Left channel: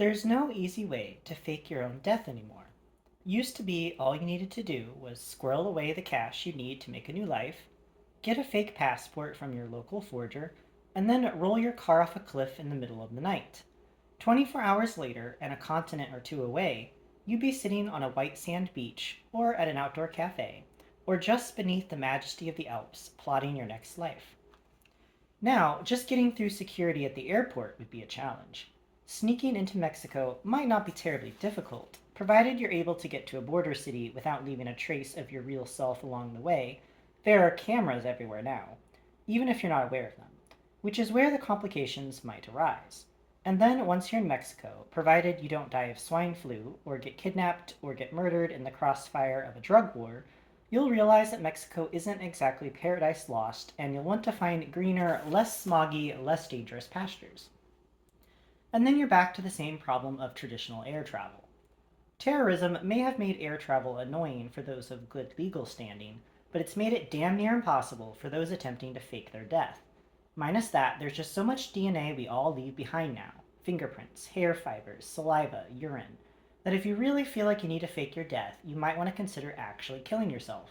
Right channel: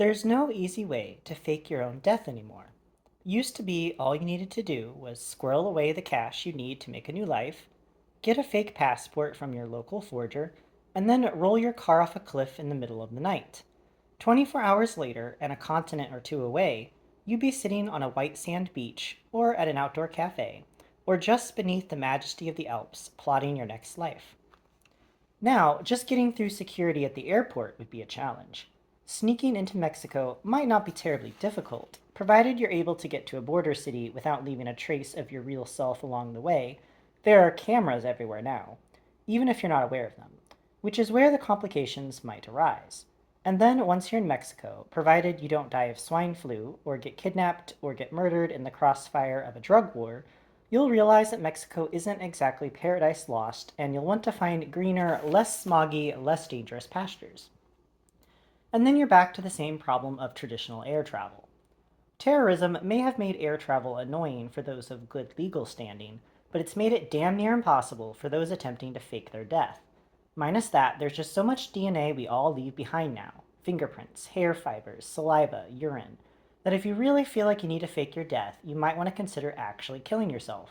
There's no easy way to fake your own death anymore. Used to be all you needed to do was squirrel away the cash you need to make a new life, get a fake passport from your local forger, and then roll your car off a cliff in the middle of the night. 24 hours later, and a continent or two away, you'd be sitting on a white sand beach, or at an outdoor cafe, or just beneath the majesty of the Alps, plotting your next life. Now, just getting through security at the airport would be a challenge. Sneaking into Mexico might not be terribly difficult, provided you're able to get to a border city without leaving a trace of your real self along the way. There are cameras everywhere now, even if you're not aware of them, which is where the complications might arise. And then, once you're in Mexico, provided you don't die of swine flu, or get kidnapped, or get murdered in the crossfire of a drug war, you'll realize that Mexico isn't exactly paradise lost, and you'll want to find greener, less smoggy, less dangerous pastures. And then you're back to the same problem of traditional air travel. Terrorism may have made air travel annoying for those of good legal standing, but it's made it damn near impossible for those attempting to fake their death. Minus that, there's just so much DNA we all leave behind now, fingerprints, hair fibers, saliva, urine, that if you really feel like you need to fake your death, you might want to consider actually killing yourself.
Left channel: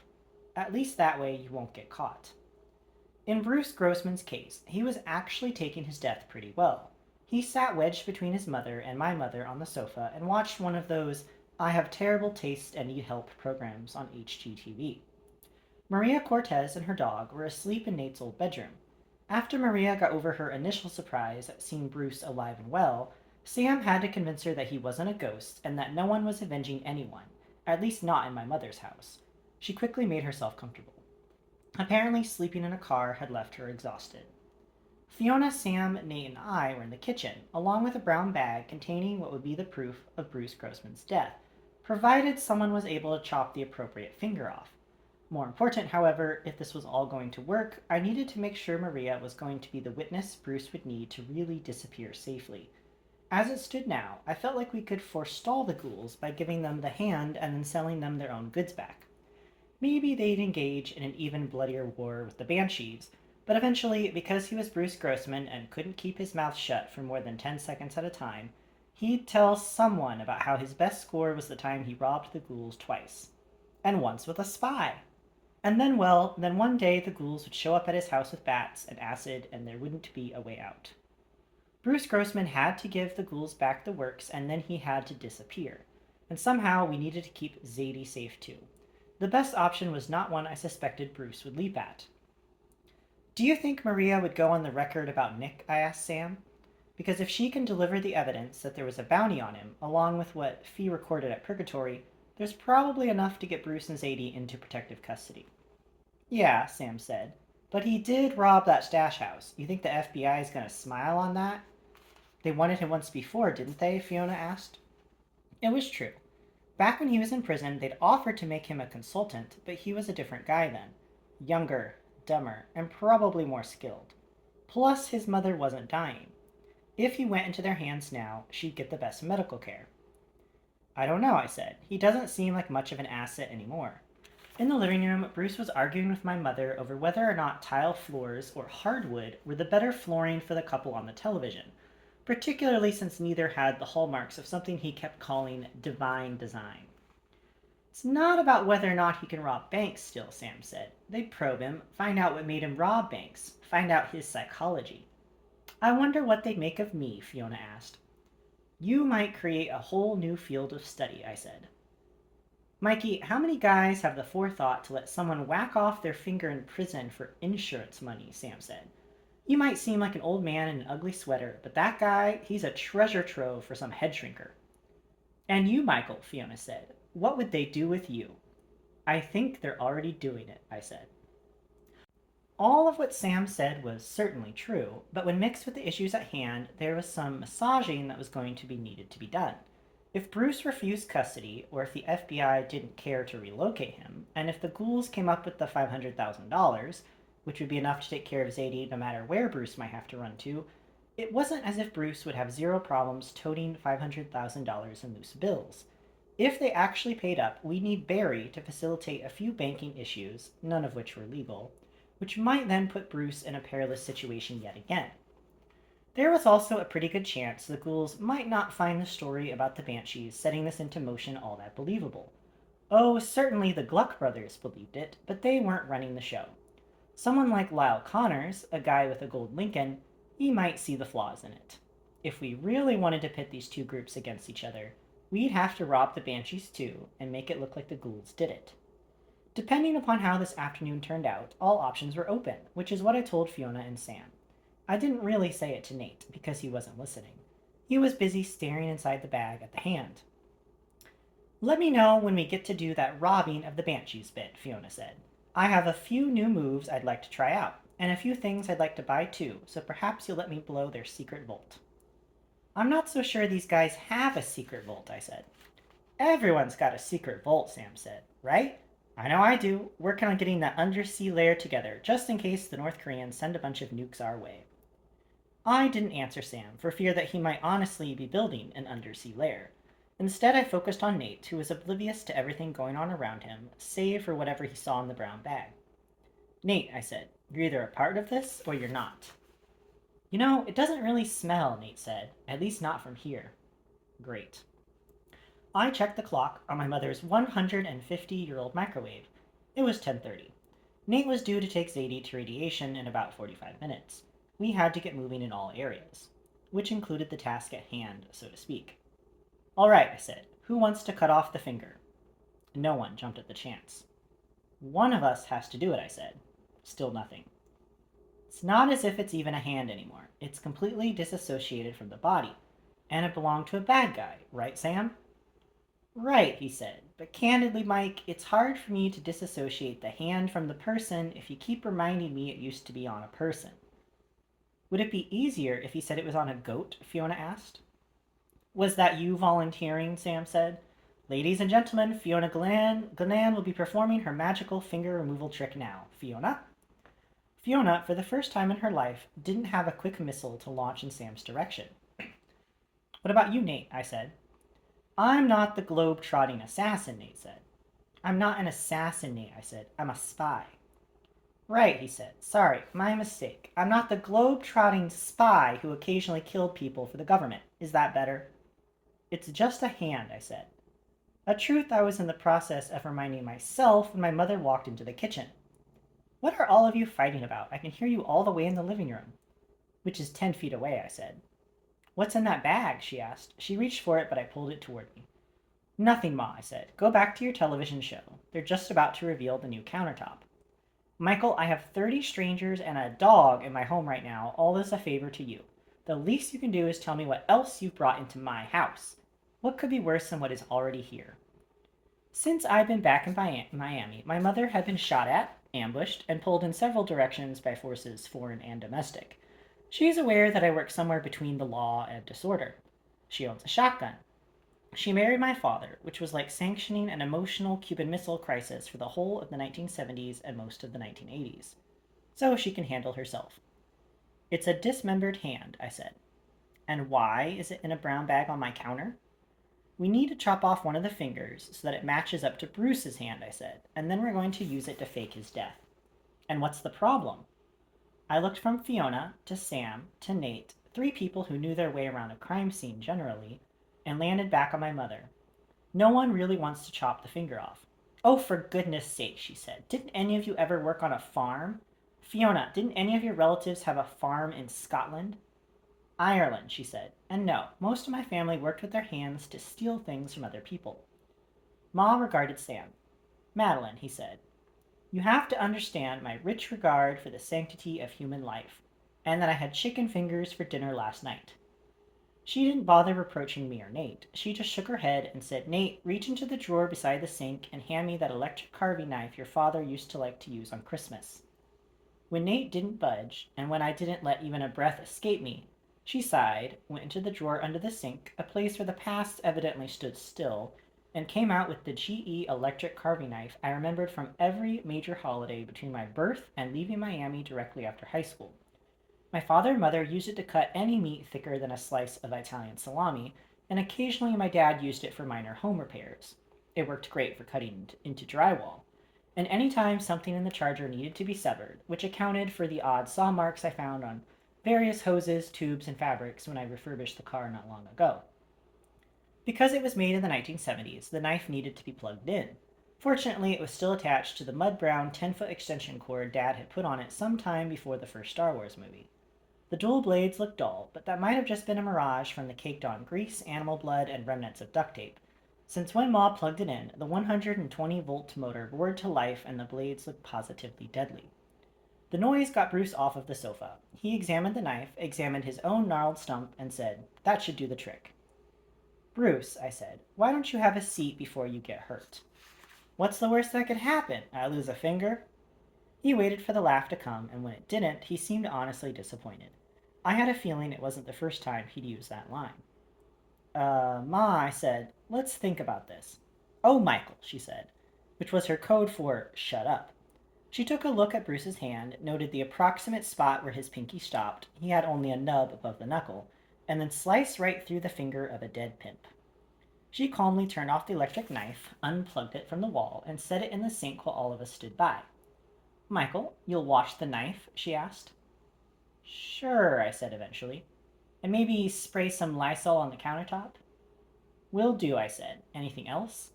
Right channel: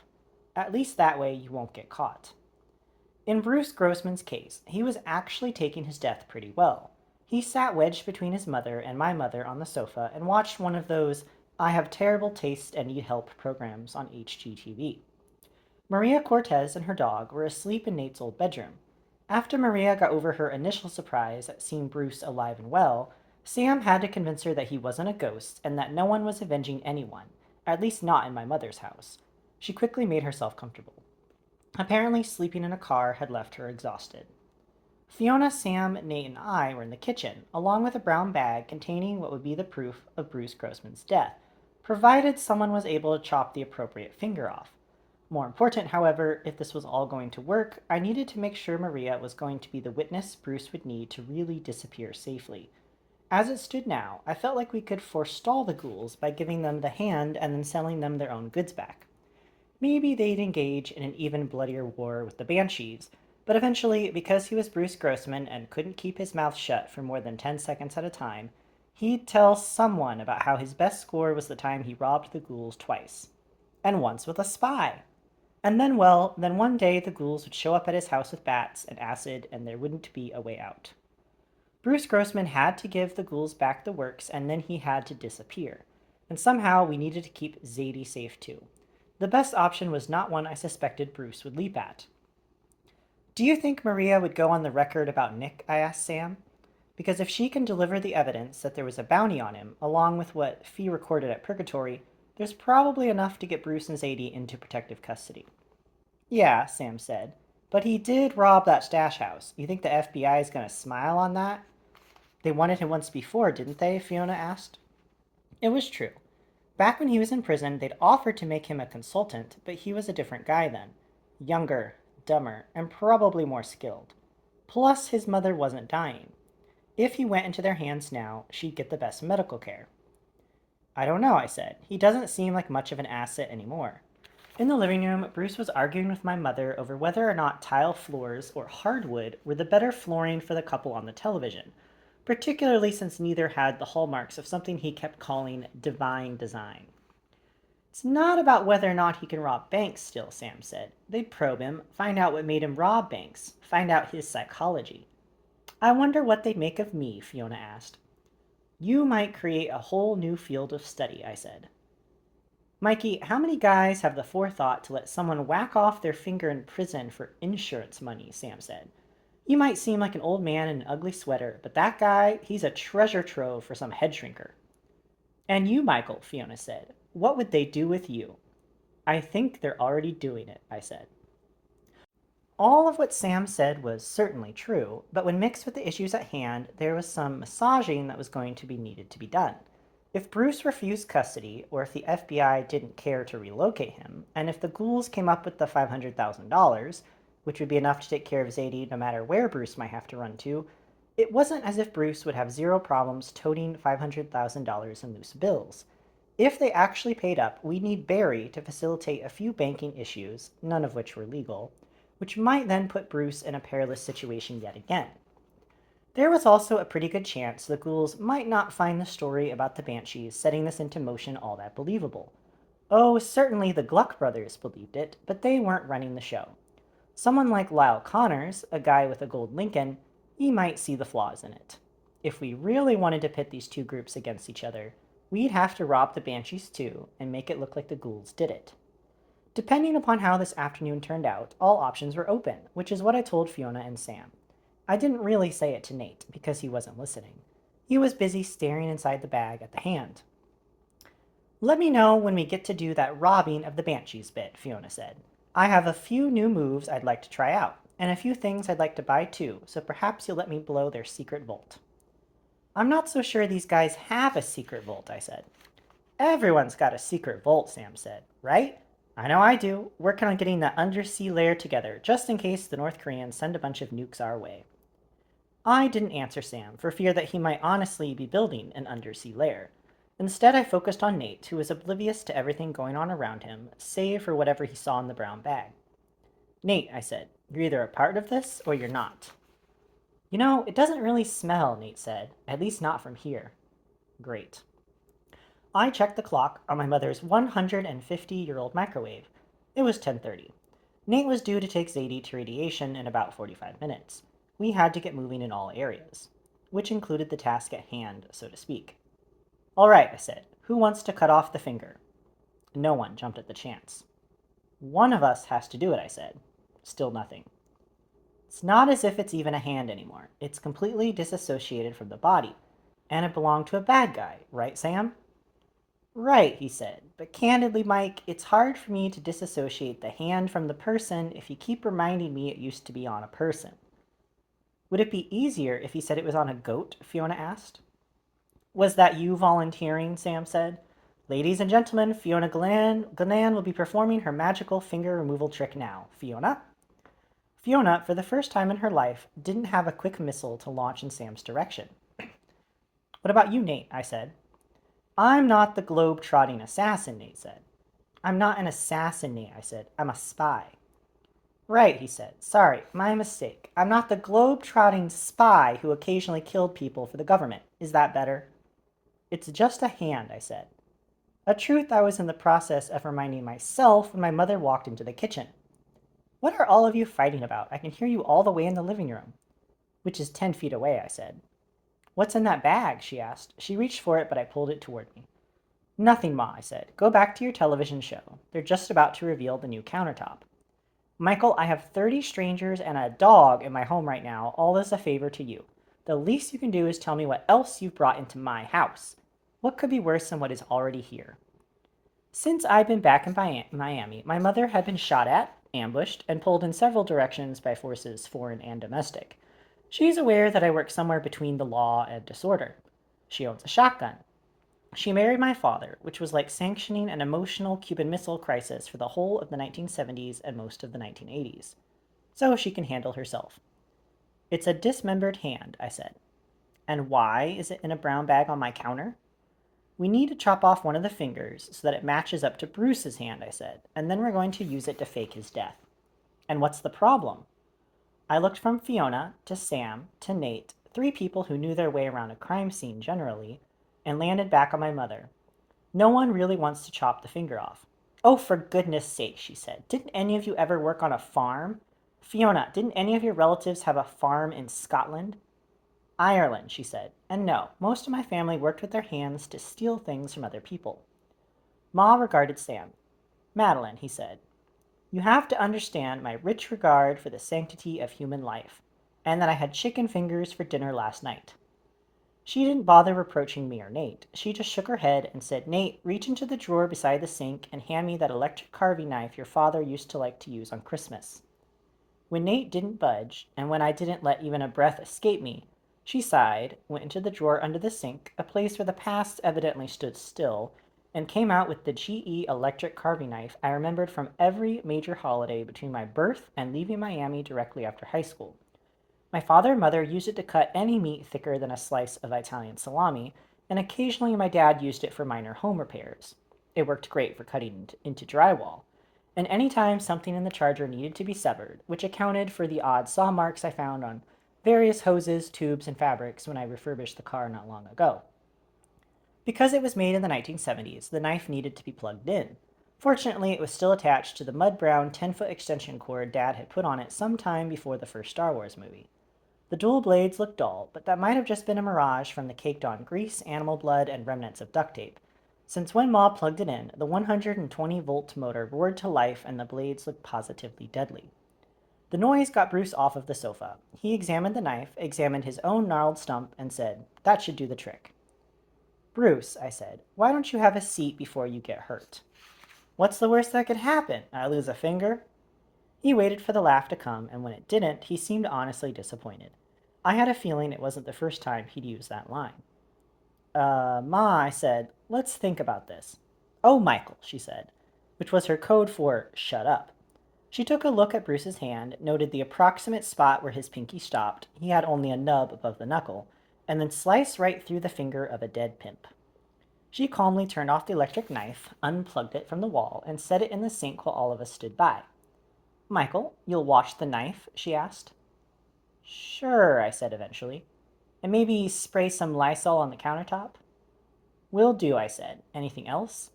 At least that way you won't get caught. In Bruce Grossman's case, he was actually taking his death pretty well. He sat wedged between his mother and my mother on the sofa and watched one of those "I have terrible taste and need help" programs on HGTV. Maria Cortez and her dog were asleep in Nate's old bedroom. After Maria got over her initial surprise at seeing Bruce alive and well, Sam had to convince her that he wasn't a ghost and that no one was avenging anyone, at least not in my mother's house. She quickly made herself comfortable. Apparently, sleeping in a car had left her exhausted. Fiona, Sam, Nate, and I were in the kitchen, along with a brown bag containing what would be the proof of Bruce Grossman's death, provided someone was able to chop the appropriate finger off. More important, however, if this was all going to work, I needed to make sure Maria was going to be the witness Bruce would need to really disappear safely. As it stood now, I felt like we could forestall the ghouls by giving them the hand and then selling them their own goods back. Maybe they'd engage in an even bloodier war with the Banshees, but eventually, because he was Bruce Grossman and couldn't keep his mouth shut for more than 10 seconds at a time, he'd tell someone about how his best score was the time he robbed the ghouls twice. And once with a spy. And then, well, then one day the ghouls would show up at his house with bats and acid, and there wouldn't be a way out. Bruce Grossman had to give the ghouls back the works, and then he had to disappear. And somehow we needed to keep Zadie safe too. The best option was not one I suspected Bruce would leap at. "Do you think Maria would go on the record about Nick?" I asked Sam. "Because if she can deliver the evidence that there was a bounty on him, along with what Fee recorded at Purgatory, there's probably enough to get Bruce and Zadie into protective custody." "Yeah," Sam said, "but he did rob that stash house. You think the FBI is going to smile on that?" "They wanted him once before, didn't they?" Fiona asked. It was true. Back when he was in prison, they'd offered to make him a consultant, but he was a different guy then. Younger, dumber, and probably more skilled. Plus, his mother wasn't dying. If he went into their hands now, she'd get the best medical care. "I don't know," I said. "He doesn't seem like much of an asset anymore." In the living room, Bruce was arguing with my mother over whether or not tile floors or hardwood were the better flooring for the couple on the television, particularly since neither had the hallmarks of something he kept calling divine design. "It's not about whether or not he can rob banks still," Sam said. "They'd probe him, find out what made him rob banks, find out his psychology." "I wonder what they'd make of me," Fiona asked. "You might create a whole new field of study," I said. "Mikey, how many guys have the forethought to let someone whack off their finger in prison for insurance money?" Sam said. "You might seem like an old man in an ugly sweater, but that guy, he's a treasure trove for some head shrinker." "And you, Michael," Fiona said, "what would they do with you?" "I think they're already doing it," I said. All of what Sam said was certainly true, but when mixed with the issues at hand, there was some massaging that was going to be needed to be done. If Bruce refused custody, or if the FBI didn't care to relocate him, and if the ghouls came up with the $500,000, which would be enough to take care of Zadie no matter where Bruce might have to run to, it wasn't as if Bruce would have zero problems toting $500,000 in loose bills. If they actually paid up, we'd need Barry to facilitate a few banking issues, none of which were legal, which might then put Bruce in a perilous situation yet again. There was also a pretty good chance the ghouls might not find the story about the banshees setting this into motion all that believable. Oh, certainly the Gluck brothers believed it, but they weren't running the show. Someone like Lyle Connors, a guy with a gold Lincoln, he might see the flaws in it. If we really wanted to pit these two groups against each other, we'd have to rob the banshees too and make it look like the ghouls did it. Depending upon how this afternoon turned out, all options were open, which is what I told Fiona and Sam. I didn't really say it to Nate because he wasn't listening. He was busy staring inside the bag at the hand. Let me know when we get to do that robbing of the banshees bit, Fiona said. I have a few new moves I'd like to try out, and a few things I'd like to buy too, so perhaps you'll let me blow their secret vault. I'm not so sure these guys have a secret vault, I said. Everyone's got a secret vault, Sam said, right? I know I do. Working on getting that undersea lair together, just in case the North Koreans send a bunch of nukes our way. I didn't answer Sam, for fear that he might honestly be building an undersea lair. Instead, I focused on Nate, who was oblivious to everything going on around him, save for whatever he saw in the brown bag. Nate, I said, you're either a part of this or you're not. You know, it doesn't really smell, Nate said, at least not from here. Great. I checked the clock on my mother's 150-year-old microwave. It was 10:30. Nate was due to take Zadie to radiation in about 45 minutes. We had to get moving in all areas, which included the task at hand, so to speak. All right, I said. Who wants to cut off the finger? No one jumped at the chance. One of us has to do it, I said. Still nothing. It's not as if it's even a hand anymore. It's completely disassociated from the body. And it belonged to a bad guy, right, Sam? Right, he said. But candidly, Mike, it's hard for me to disassociate the hand from the person if you keep reminding me it used to be on a person. Would it be easier if he said it was on a goat? Fiona asked. Was that you volunteering? Sam said. Ladies and gentlemen, Fiona Glenn will be performing her magical finger removal trick now. Fiona? Fiona, for the first time in her life, didn't have a quick missile to launch in Sam's direction. What about you, Nate? I said. I'm not the globe-trotting assassin, Nate said. I'm not an assassin, Nate, I said. I'm a spy. Right, he said. Sorry, my mistake. I'm not the globe-trotting spy who occasionally killed people for the government. Is that better? It's just a hand, I said. A truth I was in the process of reminding myself when my mother walked into the kitchen. What are all of you fighting about? I can hear you all the way in the living room. Which is 10 feet away, I said. What's in that bag? She asked. She reached for it, but I pulled it toward me. Nothing, Ma, I said. Go back to your television show. They're just about to reveal the new countertop. Michael, I have 30 strangers and a dog in my home right now, all as a favor to you. The least you can do is tell me what else you've brought into my house. What could be worse than what is already here? Since I'd been back in Miami, my mother had been shot at, ambushed, and pulled in several directions by forces foreign and domestic. She's aware that I work somewhere between the law and disorder. She owns a shotgun. She married my father, which was like sanctioning an emotional Cuban Missile Crisis for the whole of the 1970s and most of the 1980s. So she can handle herself. It's a dismembered hand, I said. And why is it in a brown bag on my counter? We need to chop off one of the fingers so that it matches up to Bruce's hand, I said, and then we're going to use it to fake his death. And what's the problem? I looked from Fiona to Sam to Nate, three people who knew their way around a crime scene generally, and landed back on my mother. No one really wants to chop the finger off. Oh, for goodness sake, she said. Didn't any of you ever work on a farm? Fiona, didn't any of your relatives have a farm in Scotland? Ireland, she said. And no, most of my family worked with their hands to steal things from other people. Ma regarded Sam. Madeline, he said, you have to understand my rich regard for the sanctity of human life, and that I had chicken fingers for dinner last night. She didn't bother reproaching me or Nate. She just shook her head and said, Nate, reach into the drawer beside the sink and hand me that electric carving knife your father used to like to use on Christmas. When Nate didn't budge, and when I didn't let even a breath escape me, she sighed, went into the drawer under the sink, a place where the past evidently stood still, and came out with the GE electric carving knife I remembered from every major holiday between my birth and leaving Miami directly after high school. My father and mother used it to cut any meat thicker than a slice of Italian salami, and occasionally my dad used it for minor home repairs. It worked great for cutting into drywall. And any time something in the charger needed to be severed, which accounted for the odd saw marks I found on various hoses, tubes, and fabrics when I refurbished the car not long ago. Because it was made in the 1970s, the knife needed to be plugged in. Fortunately, it was still attached to the mud-brown 10-foot extension cord Dad had put on it some time before the first Star Wars movie. The dual blades looked dull, but that might have just been a mirage from the caked-on grease, animal blood, and remnants of duct tape, since when Ma plugged it in, the 120-volt motor roared to life and the blades looked positively deadly. The noise got Bruce off of the sofa. He examined the knife, examined his own gnarled stump, and said, "That should do the trick." "Bruce," I said, "why don't you have a seat before you get hurt?" "What's the worst that could happen? I lose a finger?" He waited for the laugh to come, and when it didn't, he seemed honestly disappointed. I had a feeling it wasn't the first time he'd used that line. Ma, I said, "let's think about this." "Oh, Michael," she said, which was her code for "shut up." She took a look at Bruce's hand, noted the approximate spot where his pinky stopped, he had only a nub above the knuckle, and then sliced right through the finger of a dead pimp. She calmly turned off the electric knife, unplugged it from the wall, and set it in the sink while all of us stood by. "Michael, you'll wash the knife?" she asked. "Sure," I said eventually. "And maybe spray some Lysol on the countertop?" "Will do," I said. "Anything else?"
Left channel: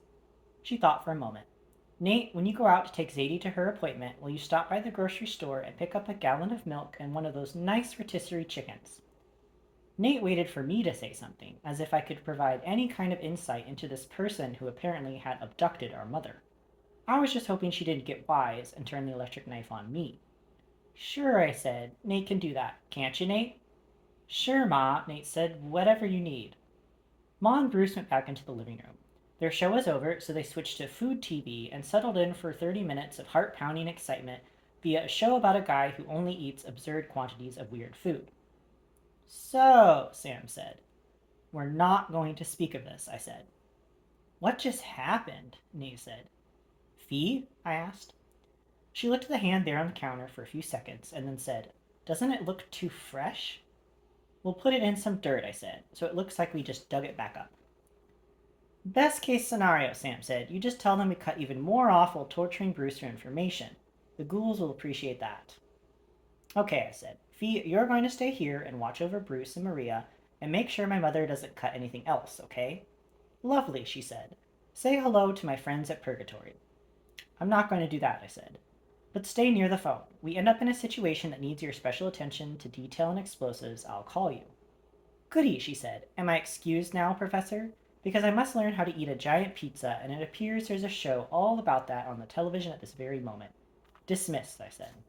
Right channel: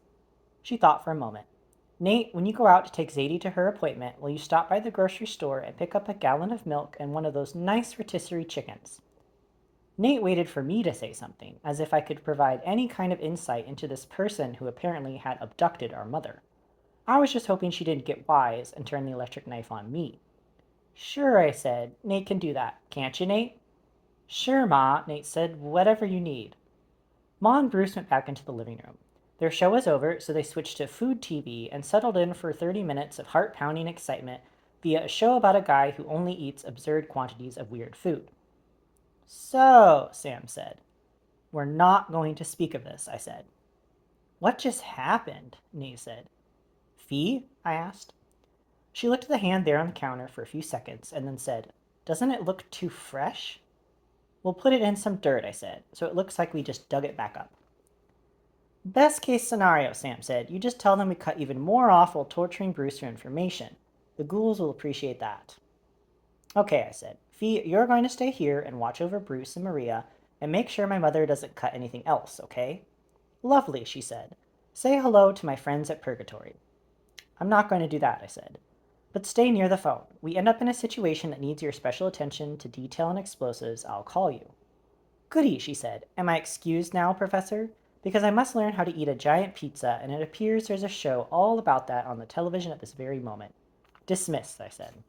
She thought for a moment. "Nate, when you go out to take Zadie to her appointment, will you stop by the grocery store and pick up a gallon of milk and one of those nice rotisserie chickens?" Nate waited for me to say something, as if I could provide any kind of insight into this person who apparently had abducted our mother. I was just hoping she didn't get wise and turn the electric knife on me. "Sure," I said. "Nate can do that. Can't you, Nate?" "Sure, Ma," Nate said. "Whatever you need." Ma and Bruce went back into the living room. Their show was over, so they switched to food TV and settled in for 30 minutes of heart-pounding excitement via a show about a guy who only eats absurd quantities of weird food. "So," Sam said. "We're not going to speak of this," I said. "What just happened?" Nate said. "Fee?" I asked. She looked at the hand there on the counter for a few seconds and then said, "Doesn't it look too fresh?" "We'll put it in some dirt," I said, "so it looks like we just dug it back up." "Best case scenario," Sam said. "You just tell them we cut even more off while torturing Bruce for information. The ghouls will appreciate that." "Okay," I said. "Fee, you're going to stay here and watch over Bruce and Maria and make sure my mother doesn't cut anything else, okay?" "Lovely," she said. "Say hello to my friends at Purgatory." "I'm not going to do that," I said. "But stay near the phone. We end up in a situation that needs your special attention to detail and explosives, I'll call you." "Goody," she said. "Am I excused now, Professor? Because I must learn how to eat a giant pizza, and it appears there's a show all about that on the television at this very moment." "Dismissed," I said.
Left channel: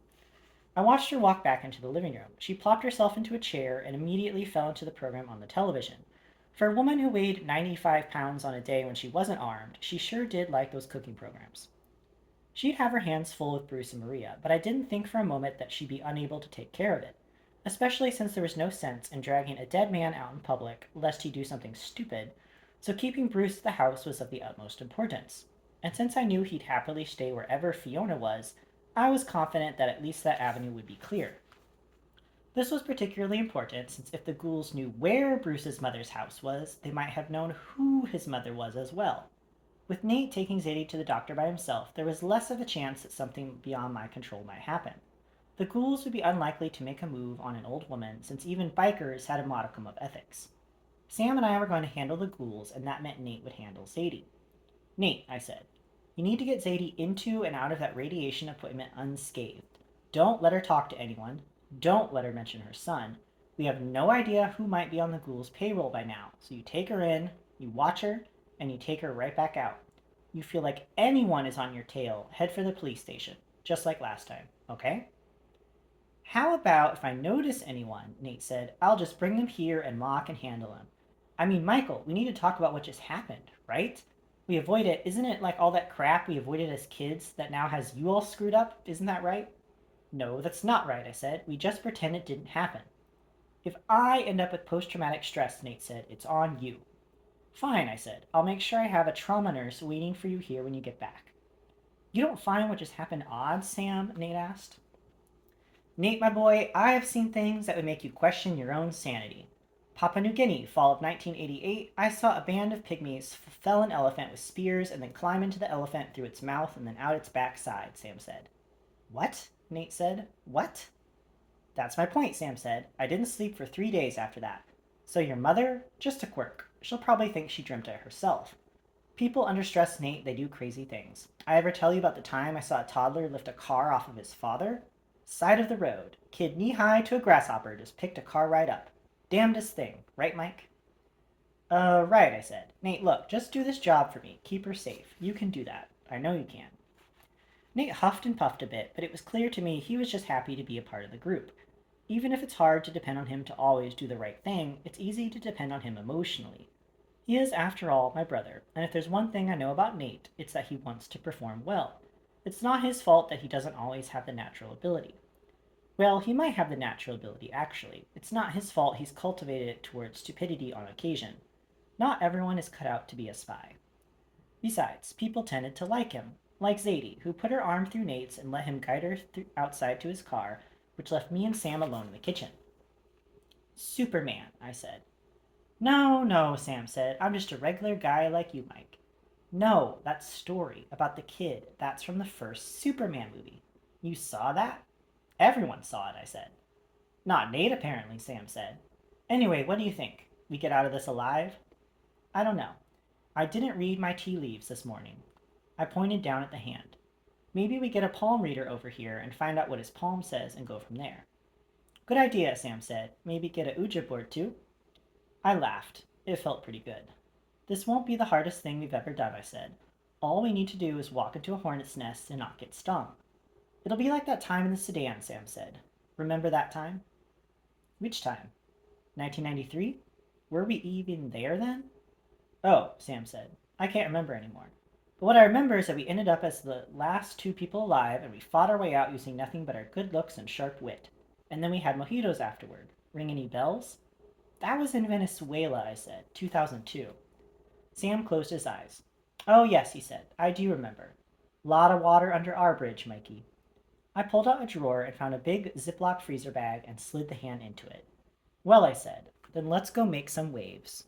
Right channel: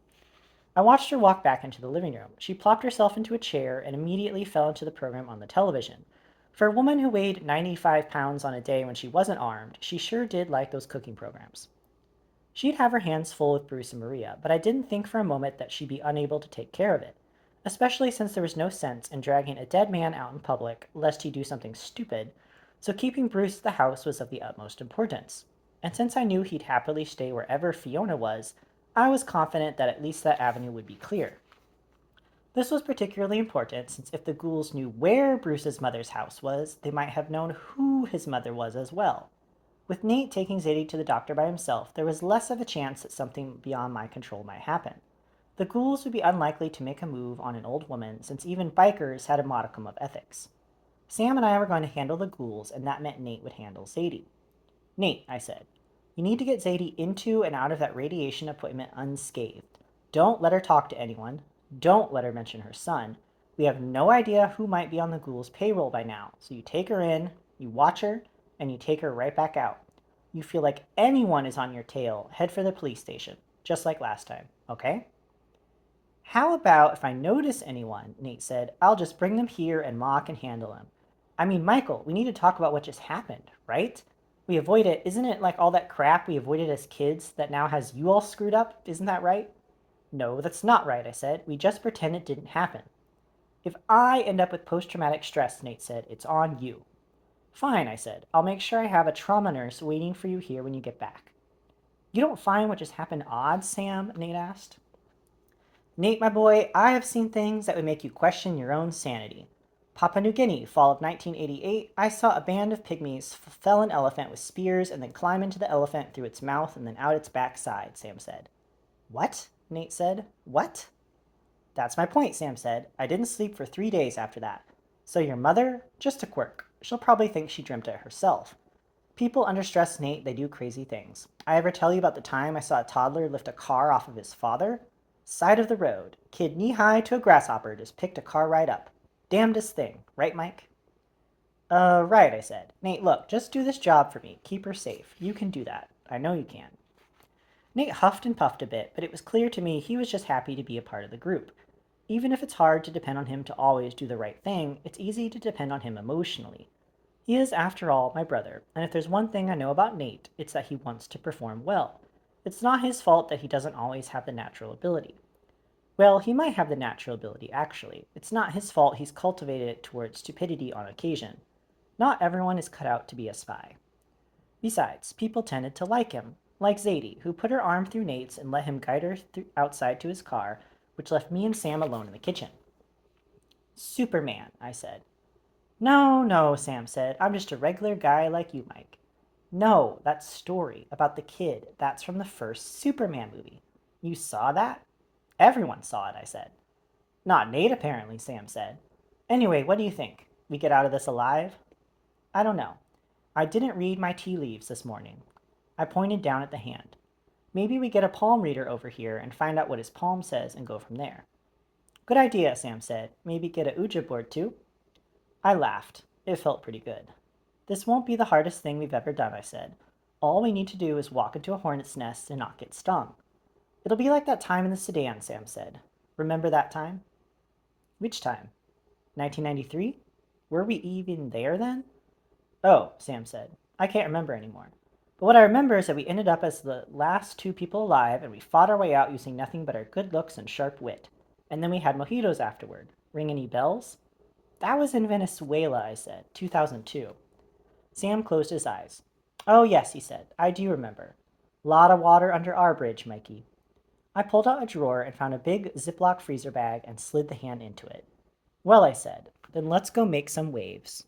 I watched her walk back into the living room. She plopped herself into a chair and immediately fell into the program on the television. For a woman who weighed 95 pounds on a day when she wasn't armed, she sure did like those cooking programs. She'd have her hands full with Bruce and Maria, but I didn't think for a moment that she'd be unable to take care of it, especially since there was no sense in dragging a dead man out in public lest he do something stupid, so keeping Bruce at the house was of the utmost importance. And since I knew he'd happily stay wherever Fiona was, I was confident that at least that avenue would be clear. This was particularly important since if the ghouls knew where Bruce's mother's house was, they might have known who his mother was as well. With Nate taking Zadie to the doctor by himself, there was less of a chance that something beyond my control might happen. The ghouls would be unlikely to make a move on an old woman, since even bikers had a modicum of ethics. Sam and I were going to handle the ghouls, and that meant Nate would handle Zadie. "Nate," I said, "you need to get Zadie into and out of that radiation appointment unscathed. Don't let her talk to anyone. Don't let her mention her son. We have no idea who might be on the ghouls' payroll by now, so you take her in, you watch her, and you take her right back out. You feel like anyone is on your tail, head for the police station, just like last time, okay?" "How about if I notice anyone," Nate said, "I'll just bring them here and Ma can handle them. I mean, Michael, we need to talk about what just happened, right? We avoid it. Isn't it like all that crap we avoided as kids that now has you all screwed up? Isn't that right?" "No, that's not right," I said. "We just pretend it didn't happen." "If I end up with post-traumatic stress," Nate said, "it's on you." "Fine," I said. "I'll make sure I have a trauma nurse waiting for you here when you get back." "You don't find what just happened odd, Sam?" Nate asked. "Nate, my boy, I have seen things that would make you question your own sanity. Papua New Guinea, fall of 1988, I saw a band of pygmies fell an elephant with spears and then climb into the elephant through its mouth and then out its backside," Sam said. "What?" Nate said. "What?" That's my point, Sam said. I didn't sleep for 3 days after that. So your mother? Just a quirk. She'll probably think she dreamt it herself. People under stress, Nate, they do crazy things. I ever tell you about the time I saw a toddler lift a car off of his father? Side of the road. Kid knee high to a grasshopper just picked a car right up. Damnedest thing, right, Mike? Right, I said. Nate, look, just do this job for me. Keep her safe. You can do that. I know you can. Nate huffed and puffed a bit, but it was clear to me he was just happy to be a part of the group. Even if it's hard to depend on him to always do the right thing, it's easy to depend on him emotionally. He is, after all, my brother, and if there's one thing I know about Nate, it's that he wants to perform well. It's not his fault that he doesn't always have the natural ability. Well, he might have the natural ability, actually. It's not his fault he's cultivated it towards stupidity on occasion. Not everyone is cut out to be a spy. Besides, people tended to like him, like Zadie, who put her arm through Nate's and let him guide her outside to his car, which left me and Sam alone in the kitchen. Superman, I said. No, no, Sam said. I'm just a regular guy like you, Mike. No, that story about the kid, that's from the first Superman movie. You saw that? Everyone saw it, I said. Not Nate, apparently, Sam said. Anyway, what do you think? We get out of this alive? I don't know. I didn't read my tea leaves this morning. I pointed down at the hand. Maybe we get a palm reader over here and find out what his palm says and go from there. Good idea, Sam said. Maybe get a Ouija board too? I laughed. It felt pretty good. This won't be the hardest thing we've ever done, I said. All we need to do is walk into a hornet's nest and not get stung. It'll be like that time in the Sudan, Sam said. Remember that time? Which time? 1993? Were we even there then? Oh, Sam said. I can't remember anymore. But what I remember is that we ended up as the last two people alive and we fought our way out using nothing but our good looks and sharp wit. And then we had mojitos afterward. Ring any bells? That was in Venezuela, I said. 2002. Sam closed his eyes. Oh, yes, he said. I do remember. Lot of water under our bridge, Mikey. I pulled out a drawer and found a big Ziploc freezer bag and slid the hand into it. Well, I said, then let's go make some waves.